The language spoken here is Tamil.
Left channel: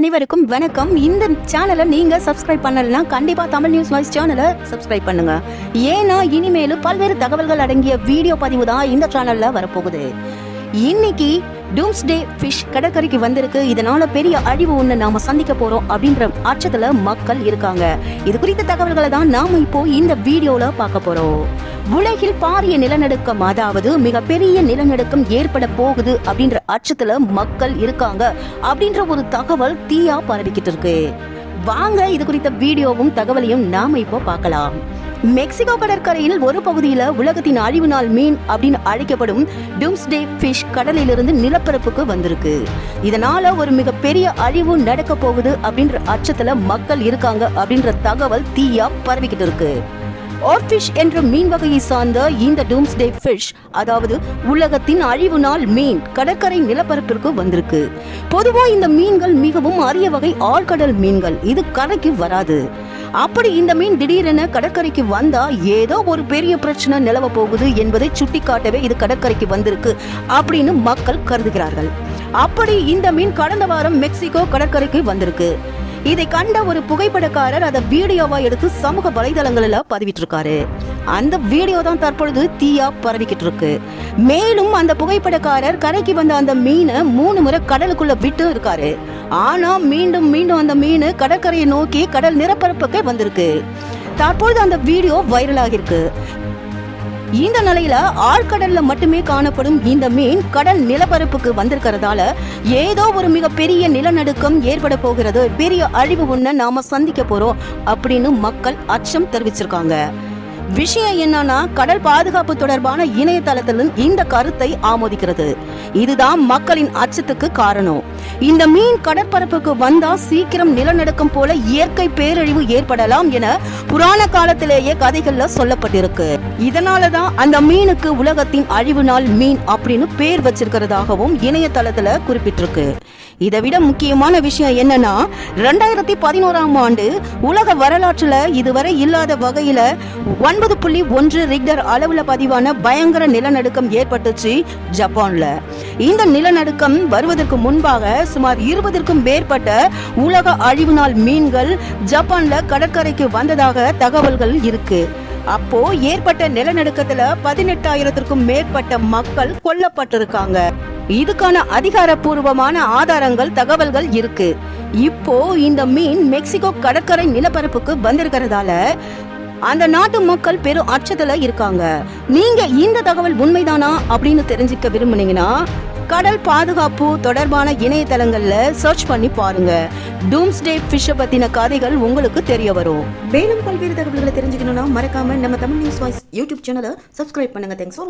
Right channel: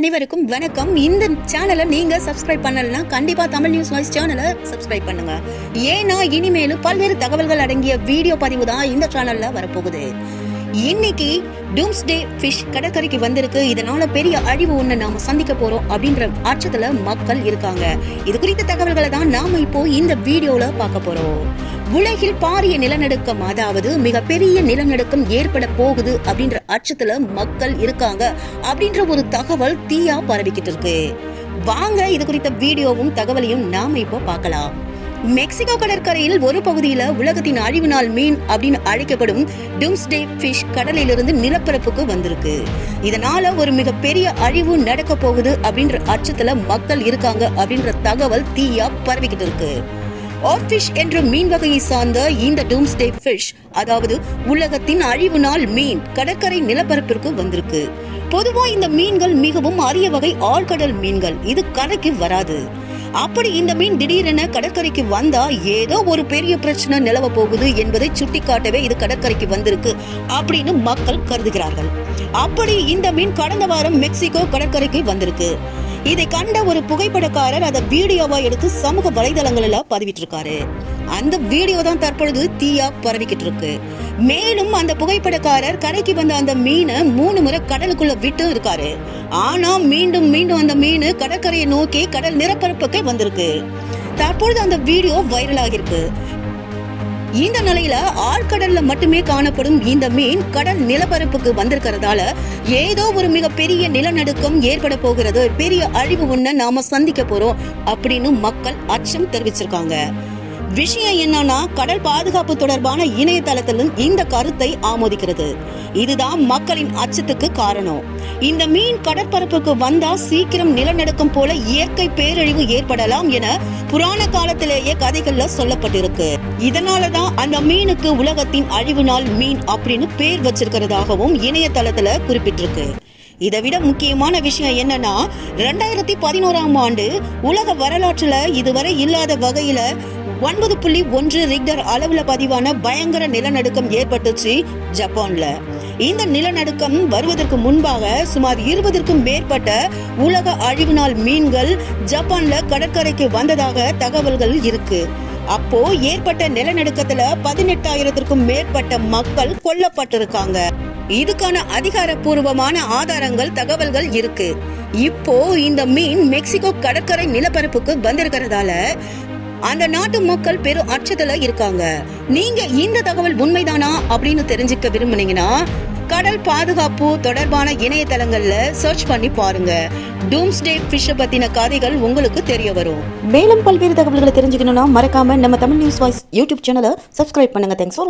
அனைவருக்கும் வணக்கம். இந்த சேனலை நீங்க சப்ஸ்கிரைப் பண்ணலனா கண்டிப்பா தமிழ் நியூஸ் வாய்ஸ் சேனலை சப்ஸ்கிரைப் பண்ணுங்க. ஏன்னா இனிமேலும் பல்வேறு தகவல்கள் அடங்கிய வீடியோ பதிவு தான் இந்த சேனல்ல வரப்போகுது. இன்னைக்கு டூம்ஸ்டே ஃபிஷ் கடற்கரைக்கு வந்திருக்கு. இதனால பெரிய அழிவு ஒன்று நாம சந்திக்க போறோம் அப்படின்ற அச்சத்துல மக்கள் இருக்காங்க. இது குறித்த தகவல்களை தான் நாம இப்போ இந்த வீடியோல பார்க்க போறோம். உலகில் பாரிய நிலநடுக்கம் அதாவது மிகப்பெரிய நிலநடுக்கம் ஏற்பட போகுது அப்படின்ற அச்சத்துல மக்கள் இருக்காங்க அப்படின்ற ஒரு தகவல் தீயா பரவிக்கிட்டு இருக்கு. வாங்க இது குறித்த வீடியோவும் தகவலையும் நாம இப்போ பார்க்கலாம். மெக்சிகோ கடற்கரையில் ஒரு பகுதியில் உலகத்தின் அழிவு நாள் மீன் அப்படின்னு அழைக்கப்படும் டூம்ஸ்டே ஃபிஷ் கடலிலிருந்து நிலப்பரப்புக்கு வந்திருக்கு. இதனால ஒரு மிகப்பெரிய அழிவு நடக்க போகுது அப்படின்ற அச்சத்துல மக்கள் இருக்காங்க அப்படின்ற தகவல் தீயா பரவிக்கிட்டு இருக்கு. ஆர்ஃபிஷ் என்ற மீன் வகையை சார்ந்த இந்த டூம்ஸ்டே ஃபிஷ் அதாவது உலகத்தின் அழிவு நாள் மீன் கடற்கரை நிலப்பரப்பிற்கு வந்திருக்கு. பொதுவா இந்த மீன்கள் மிகவும் அரிய வகை ஆழ்கடல் மீன்கள். இது கரைக்கு வராது. அப்படி இந்த மீன் திடீரென கடற்கரைக்கு வந்தா ஏதோ ஒரு பெரிய பிரச்சனை நிலவ போகுது என்பதை சுட்டிக்காட்டவே இது கடற்கரைக்கு வந்திருக்கு அப்படின்னு மக்கள் கருதுகிறார்கள். அப்படி இந்த மீன் கடந்த வாரம் மெக்சிகோ கடற்கரைக்கு வந்திருக்கு. இதை கண்ட ஒரு புகைப்படக்காரர் அதை வீடியோவா எடுத்து சமூக வலைதளங்களில் பதிவிட்டு இருக்காரு அந்த வீடியோ தான் தற்பொழுது தீயா பரவிக்கிட்டு இருக்கு மேலும் அந்த புகைப்படக்காரர் கரைக்கு வந்த அந்த மீனை மூணு முறை கடலுக்குள்ள விட்டு இருக்காரு. ஆனா மீண்டும் மீண்டும் அந்த மீன் கடற்கரையை நோக்கி கடல் நிரப்பரப்புக்கே வந்திருக்கு. தற்பொழுது அந்த வீடியோ வைரல் ஆகிருக்கு இந்த நிலையில ஆழ்கடல்ல மட்டுமே காணப்படும் இந்த மீன் கடல் நிலப்பரப்புக்கு வந்திருக்கிறதால ஏதோ ஒரு மிகப்பெரிய நிலநடுக்கம் ஏற்பட போகிறது. பெரிய அழிவு ஒண்ண நாம சந்திக்க போறோம் அப்படின்னு மக்கள் அச்சம் தெரிவிச்சிருக்காங்க. விஷயம் என்னன்னா கடல் பாதுகாப்பு தொடர்பான இணையதளத்திலும் இந்த கருத்தை ஆமோதிக்கிறது. இதுதான் மக்களின் அச்சத்துக்கு காரணம். இந்த மீன் கடற்பரப்புக்கு வந்தா சீக்கிரம் நிலநடுக்கம் போல இயற்கை பேரழிவு ஏற்படலாம் என புராண காலத்திலேயே கதைகள்ல சொல்லப்பட்டிருக்கு. இதனாலதான் அந்த மீனுக்கு உலகத்தின் அழிவு நாள் மீன் அப்படின்னு பேர் வச்சிருக்கிறதாகவும் இணையதளத்துல குறிப்பிட்டிருக்கு. இதை விட முக்கியமான விஷயம் என்னன்னா ரெண்டாயிரத்தி பதினோராம் ஆண்டு உலக வரலாற்றுல இதுவரை இல்லாத வகையில ஒன்பது புள்ளி ஒன்று ரிக்டர் அளவுல பதிவான பயங்கர நிலநடுக்கம் ஏற்பட்டுச்சு ஜப்பான்ல. இந்த நிலநடுக்கம் வருவதற்கு முன்பாக சுமார் இருபதிற்கும் மேற்பட்ட உலக அழிவு நாள் மீன்கள் ஜப்பான்ல கடற்கரைக்கு வந்ததாக தகவல்கள் இருக்கு. அப்போ ஏற்பட்ட நிலநடுக்கத்துல பதினெட்டாயிரத்திற்கும் மேற்பட்ட மக்கள் கொல்லப்பட்டிருக்காங்க. இதுக்கான அதிகாரப்பூர்வமான ஆதாரங்கள் தகவல்கள் இருக்கு. இப்போ இந்த மீன் மெக்சிகோ கடற்கரை நிலப்பரப்புக்கு வந்திருக்கிறதால அந்த நாட்டு மக்கள் பெரும் அச்சத்துல இருக்காங்க. நீங்க இந்த தகவல் உண்மைதானா அப்படின்னு தெரிஞ்சுக்க விரும்புனீங்கன்னா கடல் பாதுகாப்பு தொடர்பான இணையதளங்கள்ல சர்ச் பண்ணி பாருங்க. டூம்ஸ்டே ஃபிஷ் பத்தின கதைகள் உங்களுக்கு தெரிய வரும். மேலும் பல்வேறு தகவல்களை தெரிஞ்சுக்கணும்னா மறக்காம நம்ம தமிழ் நியூஸ் வாய்ஸ் யூடியூப் சேனலை சப்ஸ்கிரைப் பண்ணுங்க. Thanks for